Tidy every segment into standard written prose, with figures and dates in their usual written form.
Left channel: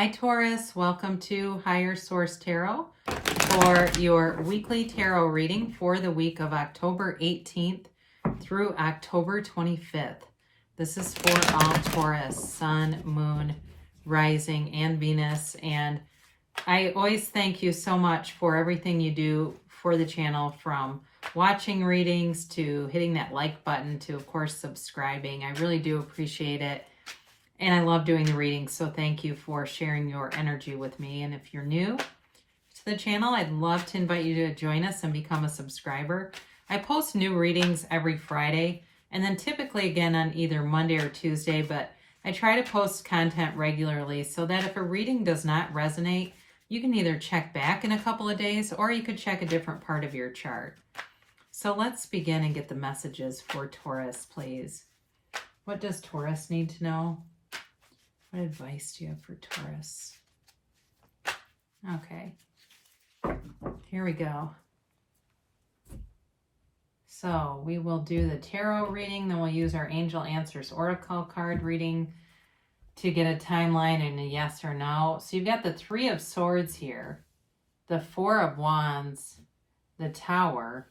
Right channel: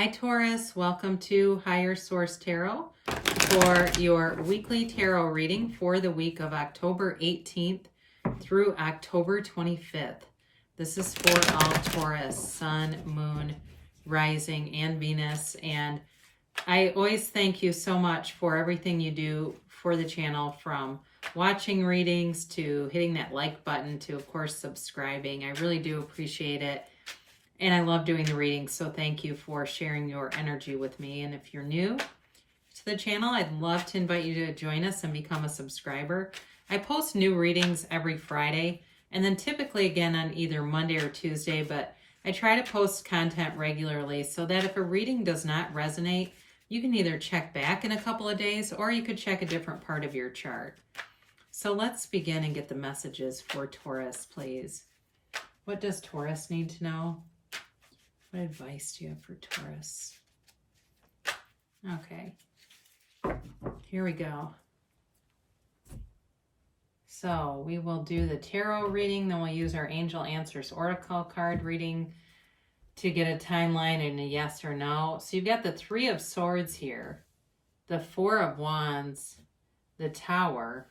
Hi Taurus, welcome to Higher Source Tarot for your weekly tarot reading for the week of October 18th through October 25th. This is for all Taurus, Sun, Moon, Rising, and Venus. And I always thank you so much for everything you do for the channel, from watching readings to hitting that like button to, of course, subscribing. I really do appreciate it. And I love doing the readings, so thank you for sharing your energy with me. And if you're new to the channel, I'd love to invite you to join us and become a subscriber. I post new readings every Friday, and then typically again on either Monday or Tuesday, but I try to post content regularly so that if a reading does not resonate, you can either check back in a couple of days or you could check a different part of your chart. So let's begin and get the messages for Taurus, please. What does Taurus need to know? What advice do you have for Taurus? Okay, here we go. So we will do the tarot reading, then we'll use our Angel Answers Oracle card reading to get a timeline and a yes or no. So you've got the Three of Swords here, the Four of Wands, the Tower,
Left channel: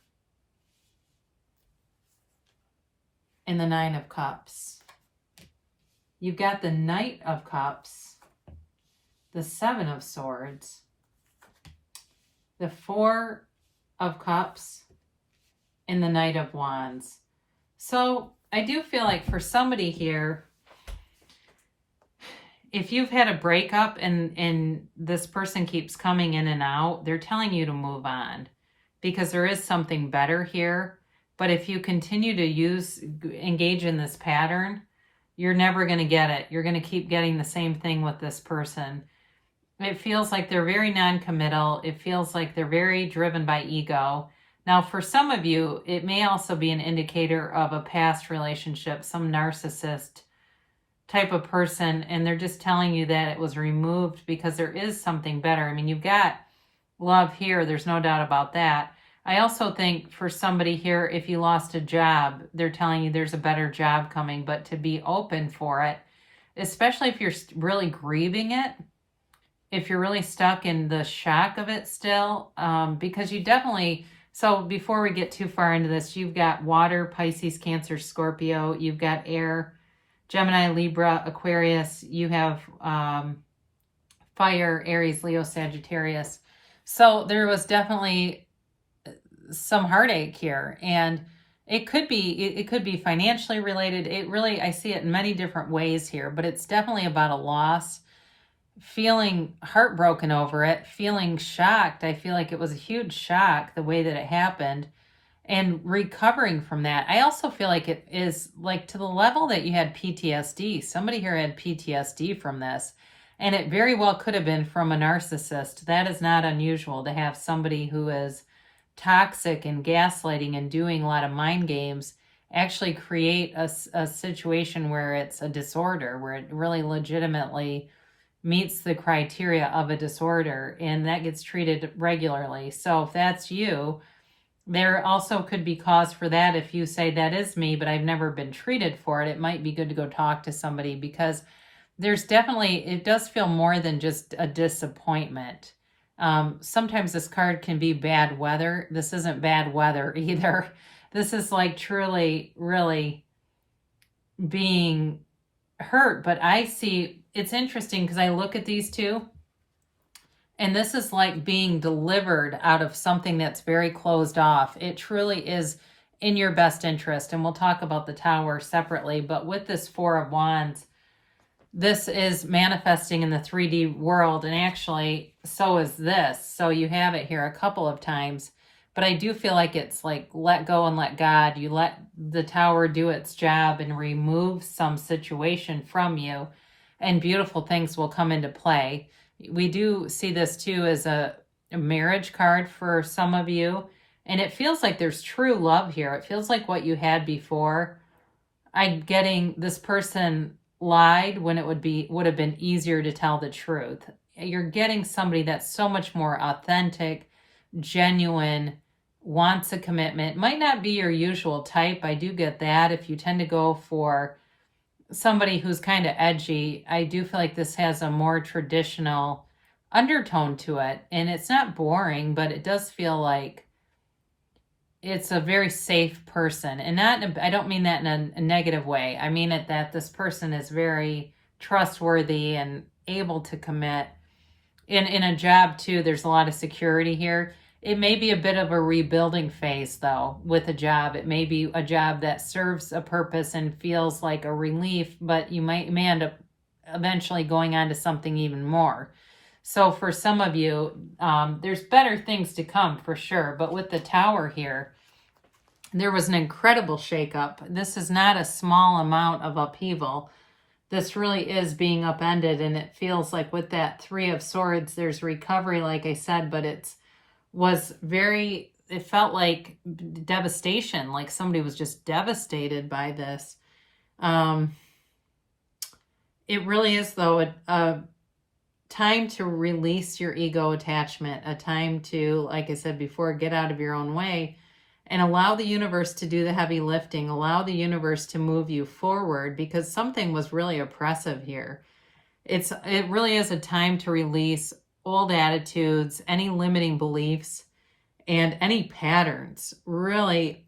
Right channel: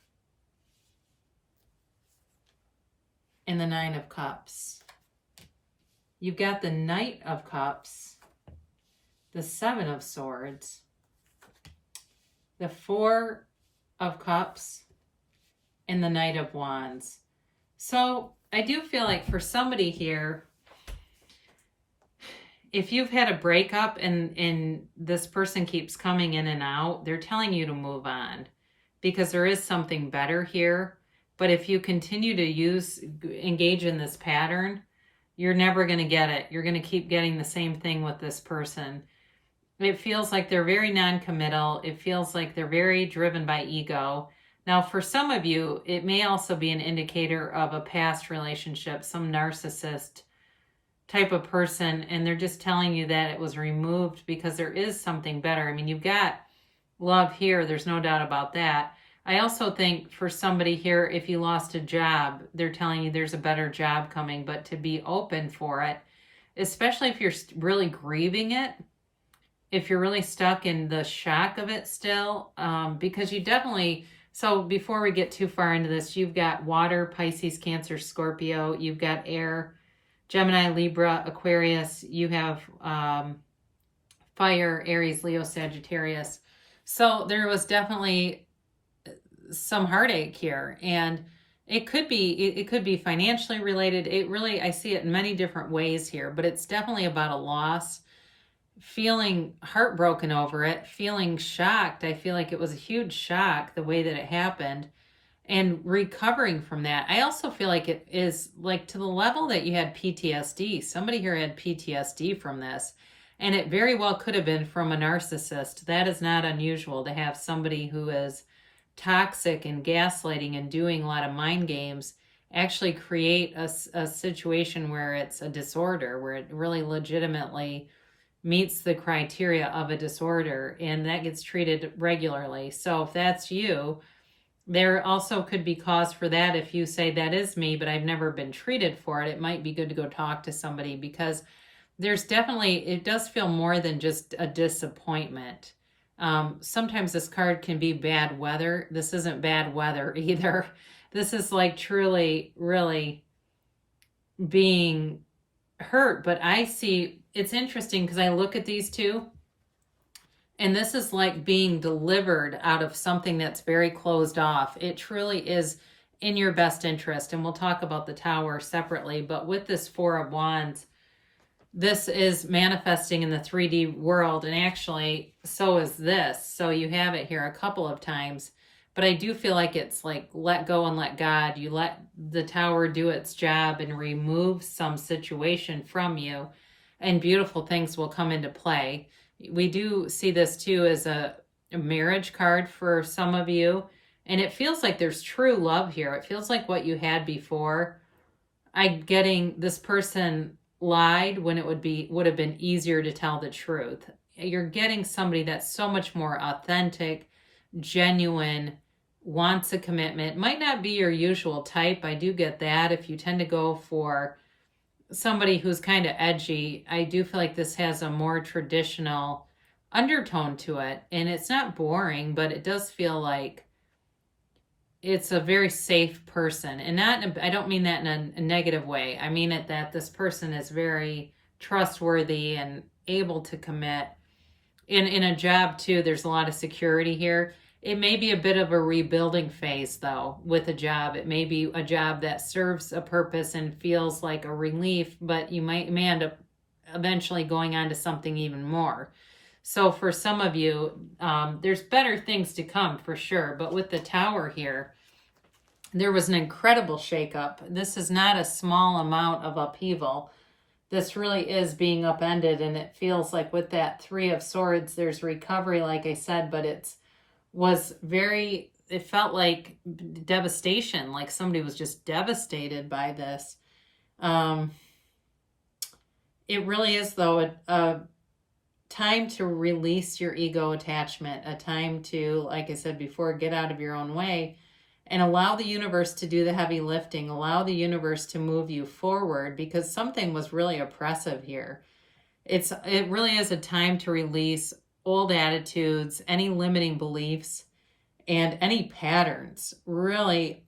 and the Nine of Cups. You've got the Knight of Cups, the Seven of Swords, the Four of Cups, and the Knight of Wands. So I do feel like for somebody here, if you've had a breakup and this person keeps coming in and out, they're telling you to move on because there is something better here. But if you continue to engage in this pattern, you're never going to get it. You're going to keep getting the same thing with this person. It feels like they're very non-committal. It feels like they're very driven by ego. Now, for some of you, it may also be an indicator of a past relationship, some narcissist type of person, and they're just telling you that it was removed because there is something better. I mean, you've got love here. There's no doubt about that. I also think for somebody here, if you lost a job, they're telling you there's a better job coming, but to be open for it, especially if you're really grieving it, if you're really stuck in the shock of it still, because you definitely, so before we get too far into this, you've got water, Pisces, Cancer, Scorpio, you've got air, Gemini, Libra, Aquarius, you have fire, Aries, Leo, Sagittarius. So there was definitely some heartache here, and it could be financially related. It really, I see it in many different ways here, but it's definitely about a loss, feeling heartbroken over it, feeling shocked. I feel like it was a huge shock the way that it happened, and recovering from that. I also feel like it is like to the level that you had PTSD. Somebody here had PTSD from this, and it very well could have been from a narcissist. That is not unusual to have somebody who is toxic and gaslighting and doing a lot of mind games actually create a situation where it's a disorder, where it really legitimately meets the criteria of a disorder, and that gets treated regularly. So if that's you, there also could be cause for that. If you say that is me, but I've never been treated for it, it might be good to go talk to somebody, because there's definitely, it does feel more than just a disappointment. Sometimes this card can be bad weather. This isn't bad weather either. This is like truly, really being hurt. But I see, it's interesting because I look at these two, and this is like being delivered out of something that's very closed off. It truly is in your best interest. And we'll talk about the Tower separately. But with this Four of Wands, this is manifesting in the 3D world, and actually so is this. So you have it here a couple of times, but I do feel like it's like let go and let God. You let the Tower do its job and remove some situation from you, and beautiful things will come into play. We do see this too as a marriage card for some of you, and it feels like there's true love here. It feels like what you had before. I'm getting this person lied when it would have been easier to tell the truth. You're getting somebody that's so much more authentic, genuine, wants a commitment. Might not be your usual type. I do get that. If you tend to go for somebody who's kind of edgy, I do feel like this has a more traditional undertone to it. And it's not boring, but it does feel like it's a very safe person. And not, I don't mean that in a negative way. I mean it that this person is very trustworthy and able to commit. In a job too, there's a lot of security here. It may be a bit of a rebuilding phase though with a job. It may be a job that serves a purpose and feels like a relief, but you may end up eventually going on to something even more. So for some of you, there's better things to come for sure. But with the Tower here, there was an incredible shakeup. This is not a small amount of upheaval. This really is being upended, and it feels like with that Three of Swords, there's recovery, like I said, but it felt like devastation, like somebody was just devastated by this. It really is, though, a time to release your ego attachment, a time to, like I said before, get out of your own way and allow the universe to do the heavy lifting, allow the universe to move you forward, because something was really oppressive here. It really is a time to release old attitudes, any limiting beliefs, and any patterns. Really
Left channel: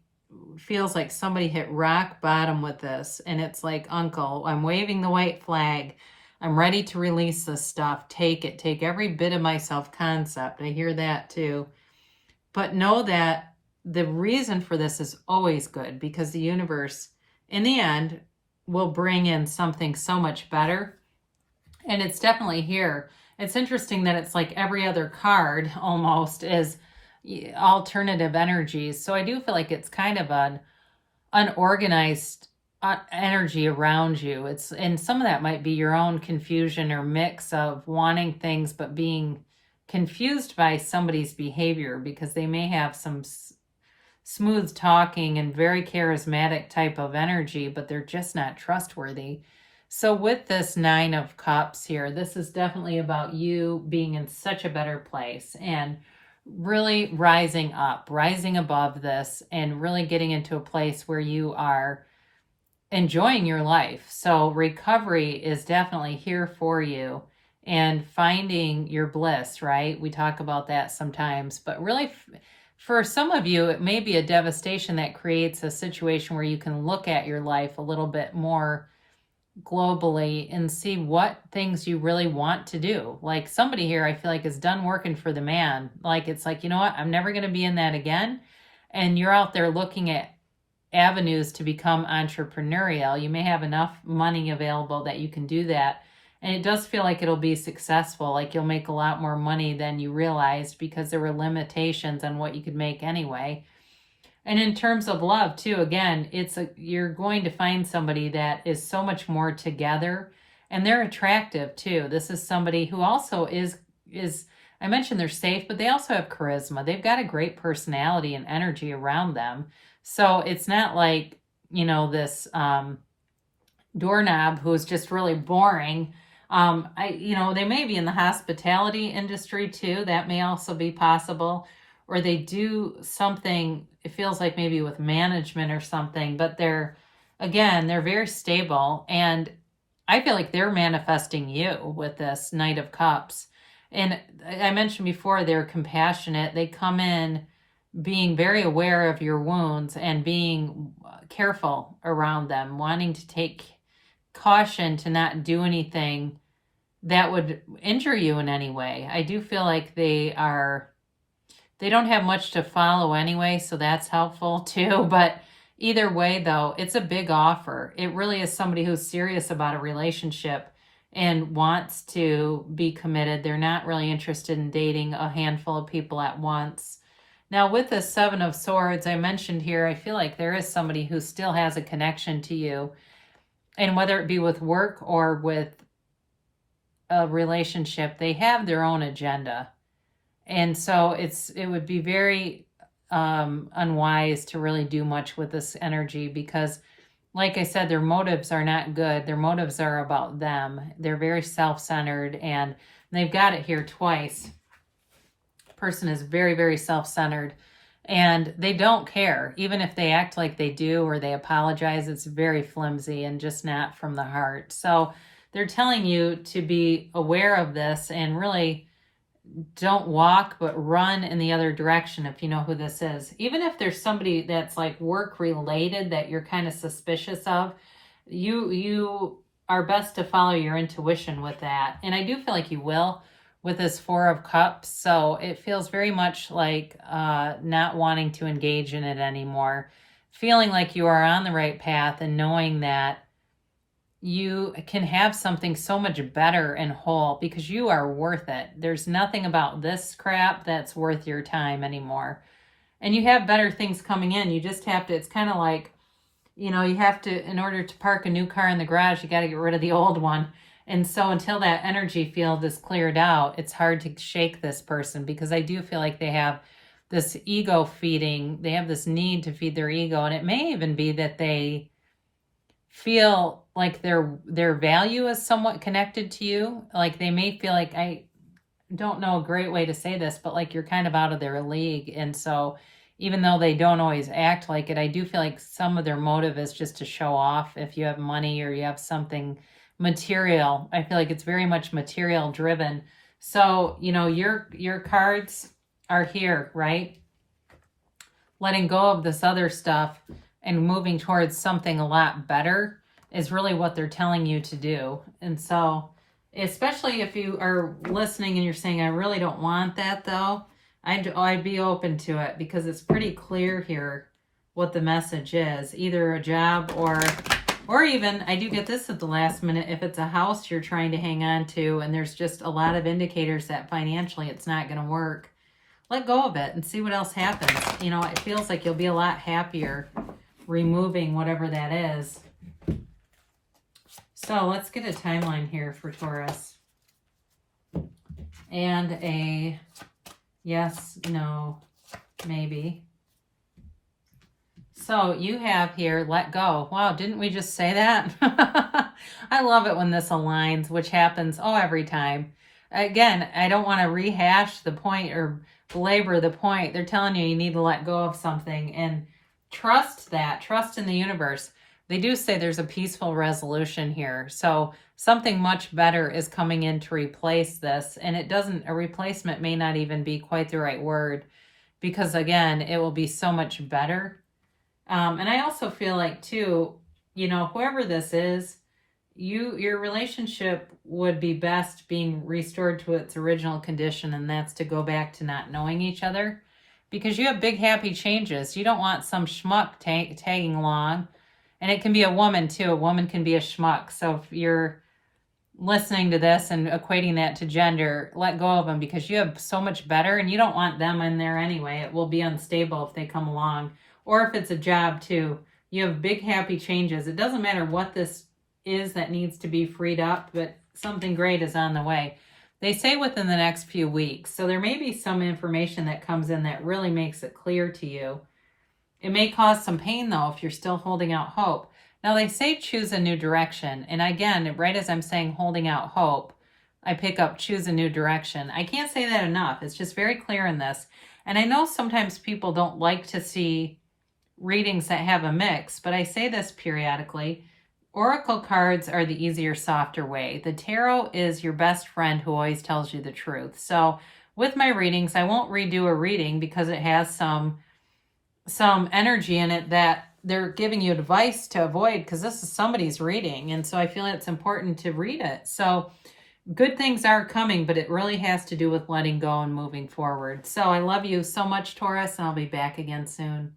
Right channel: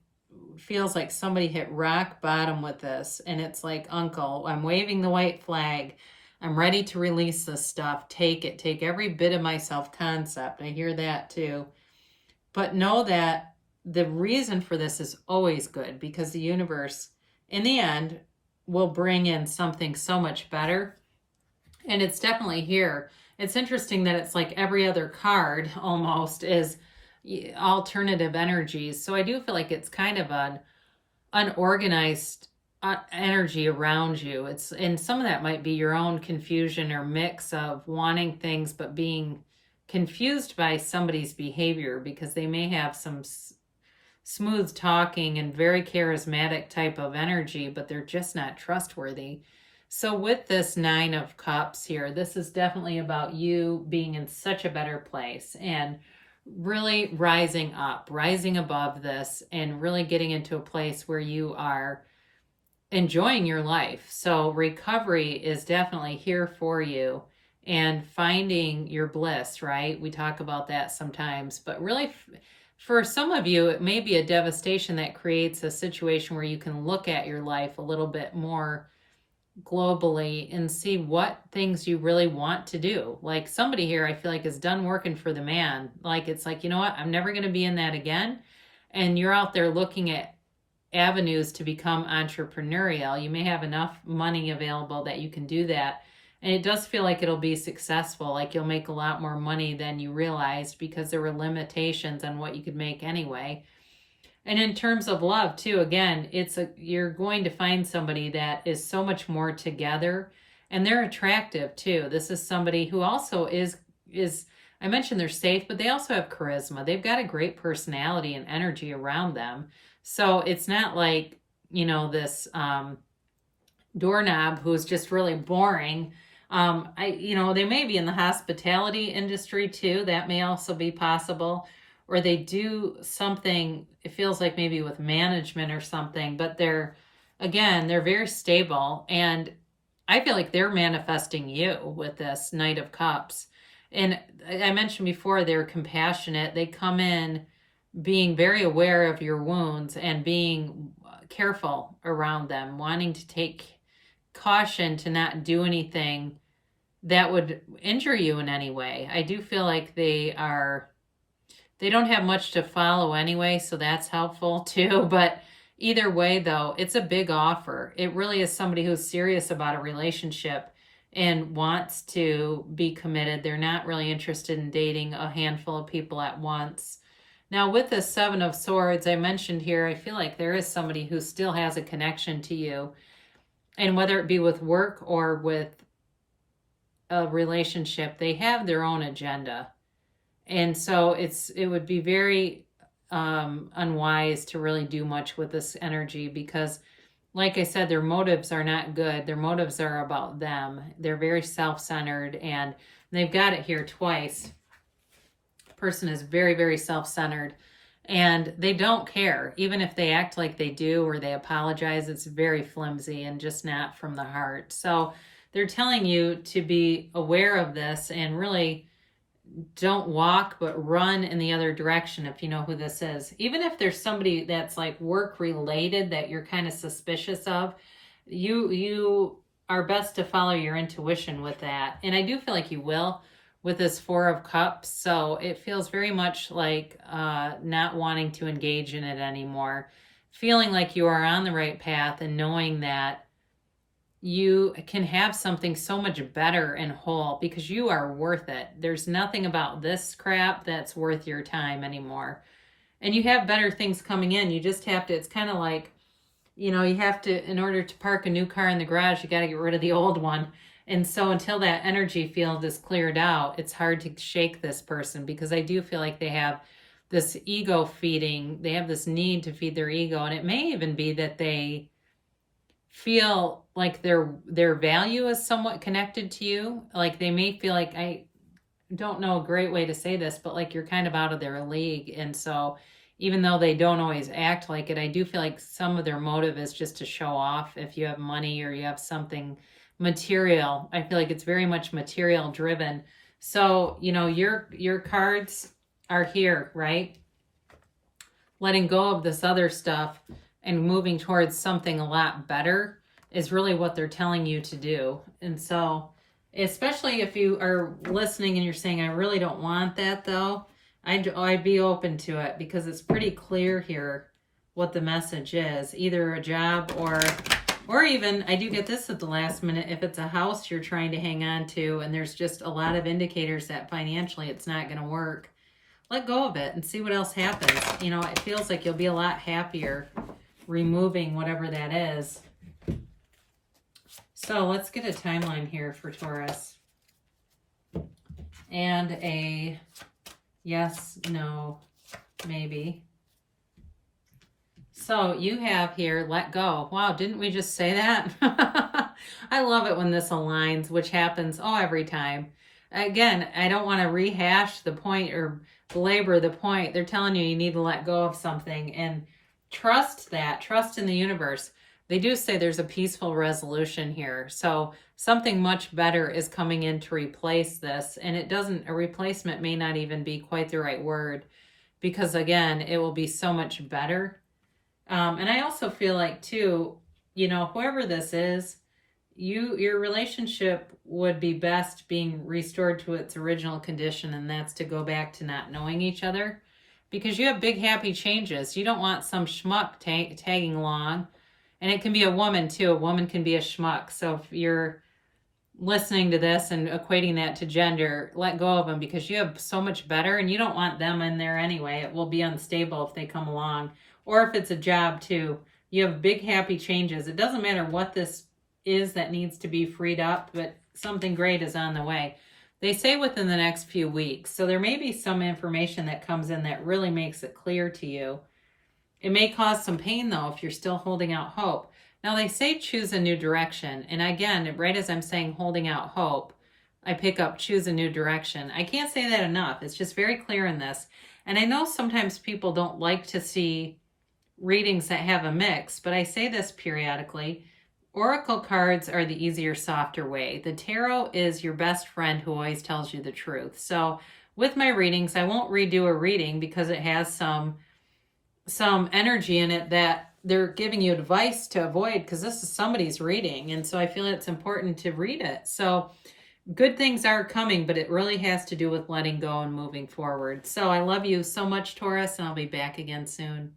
feels like somebody hit rock bottom with this, and it's like, uncle, I'm waving the white flag. I'm ready to release this stuff. Take it. Take every bit of my self-concept. I hear that too. But know that the reason for this is always good, because the universe, in the end, will bring in something so much better. And it's definitely here. It's interesting that it's like every other card almost is alternative energies. So I do feel like it's kind of an unorganized energy around you. And some of that might be your own confusion or mix of wanting things but being confused by somebody's behavior, because they may have some smooth talking and very charismatic type of energy, but they're just not trustworthy. So with this Nine of Cups here, this is definitely about you being in such a better place and really rising up, rising above this, and really getting into a place where you are enjoying your life. So recovery is definitely here for you, and finding your bliss, right? We talk about that sometimes, but really for some of you, it may be a devastation that creates a situation where you can look at your life a little bit more globally and see what things you really want to do. Like somebody here, I feel like, is done working for the man. Like, it's like, you know what? I'm never going to be in that again. And you're out there looking at avenues to become entrepreneurial. You may have enough money available that you can do that. And it does feel like it'll be successful. Like you'll make a lot more money than you realized, because there were limitations on what you could make anyway. And in terms of love too, again, you're going to find somebody that is so much more together, and they're attractive too. This is somebody who also is I mentioned they're safe, but they also have charisma. They've got a great personality and energy around them. So it's not like, this doorknob who's just really boring. They may be in the hospitality industry too. That may also be possible. Or they do something, it feels like maybe with management or something, but they're very stable. And I feel like they're manifesting you with this Knight of Cups. And I mentioned before, they're compassionate. They come in being very aware of your wounds and being careful around them, wanting to take caution to not do anything that would injure you in any way. I do feel like they don't have much to follow anyway, so that's helpful too. But either way, though, it's a big offer. It really is somebody who's serious about a relationship and wants to be committed. They're not really interested in dating a handful of people at once. Now, with the Seven of Swords I mentioned here, I feel like there is somebody who still has a connection to you. And whether it be with work or with a relationship, they have their own agenda. And so it would be very unwise to really do much with this energy, because, like I said, their motives are not good. Their motives are about them. They're very self-centered, and they've got it here twice. The person is very, very self-centered. And they don't care. Even if they act like they do or they apologize, it's very flimsy and just not from the heart. So they're telling you to be aware of this and really don't walk, but run in the other direction if you know who this is. Even if there's somebody that's like work related that you're kind of suspicious of, you are best to follow your intuition with that. And I do feel like you will with this Four of Cups. So it feels very much like not wanting to engage in it anymore. Feeling like you are on the right path and knowing that you can have something so much better and whole because you are worth it. There's nothing about this crap that's worth your time anymore. And you have better things coming in. You just have to, it's kind of like, you have to, in order to park a new car in the garage, you got to get rid of the old one. And so until that energy field is cleared out, it's hard to shake this person because I do feel like they have this ego feeding. They have this need to feed their ego. And it may even be that they feel like their value is somewhat connected to you. Like they may feel like, I don't know a great way to say this, but like you're kind of out of their league. And so even though they don't always act like it, I do feel like some of their motive is just to show off. If you have money or you have something material, I feel like it's very much material driven. So, your cards are here, right? Letting go of this other stuff and moving towards something a lot better is really what they're telling you to do. And so, especially if you are listening and you're saying, I really don't want that though, I'd be open to it because it's pretty clear here what the message is. Either a job or even, I do get this at the last minute, if it's a house you're trying to hang on to and there's just a lot of indicators that financially it's not going to work, let go of it and see what else happens. It feels like you'll be a lot happier removing whatever that is. So let's get a timeline here for Taurus. And a yes, no, maybe. So you have here, let go. Wow, didn't we just say that? I love it when this aligns, which happens, every time. Again, I don't want to rehash the point or belabor the point. They're telling you need to let go of something and trust that. Trust in the universe. They do say there's a peaceful resolution here. So something much better is coming in to replace this. And a replacement may not even be quite the right word because, again, it will be so much better. And I also feel like, too, whoever this is, your relationship would be best being restored to its original condition, and that's to go back to not knowing each other because you have big, happy changes. You don't want some schmuck tagging along. And it can be a woman, too. A woman can be a schmuck. So if you're listening to this and equating that to gender, let go of them because you have so much better and you don't want them in there anyway. It will be unstable if they come along. Or if it's a job, too. You have big, happy changes. It doesn't matter what this is that needs to be freed up, but something great is on the way. They say within the next few weeks. So there may be some information that comes in that really makes it clear to you. It may cause some pain, though, if you're still holding out hope. Now, they say choose a new direction. And again, right as I'm saying holding out hope, I pick up choose a new direction. I can't say that enough. It's just very clear in this. And I know sometimes people don't like to see readings that have a mix, but I say this periodically. Oracle cards are the easier, softer way. The tarot is your best friend who always tells you the truth. So with my readings, I won't redo a reading because it has some energy in it that they're giving you advice to avoid because this is somebody's reading. And so I feel it's important to read it. So good things are coming, but it really has to do with letting go and moving forward. So I love you so much, Taurus, and I'll be back again soon.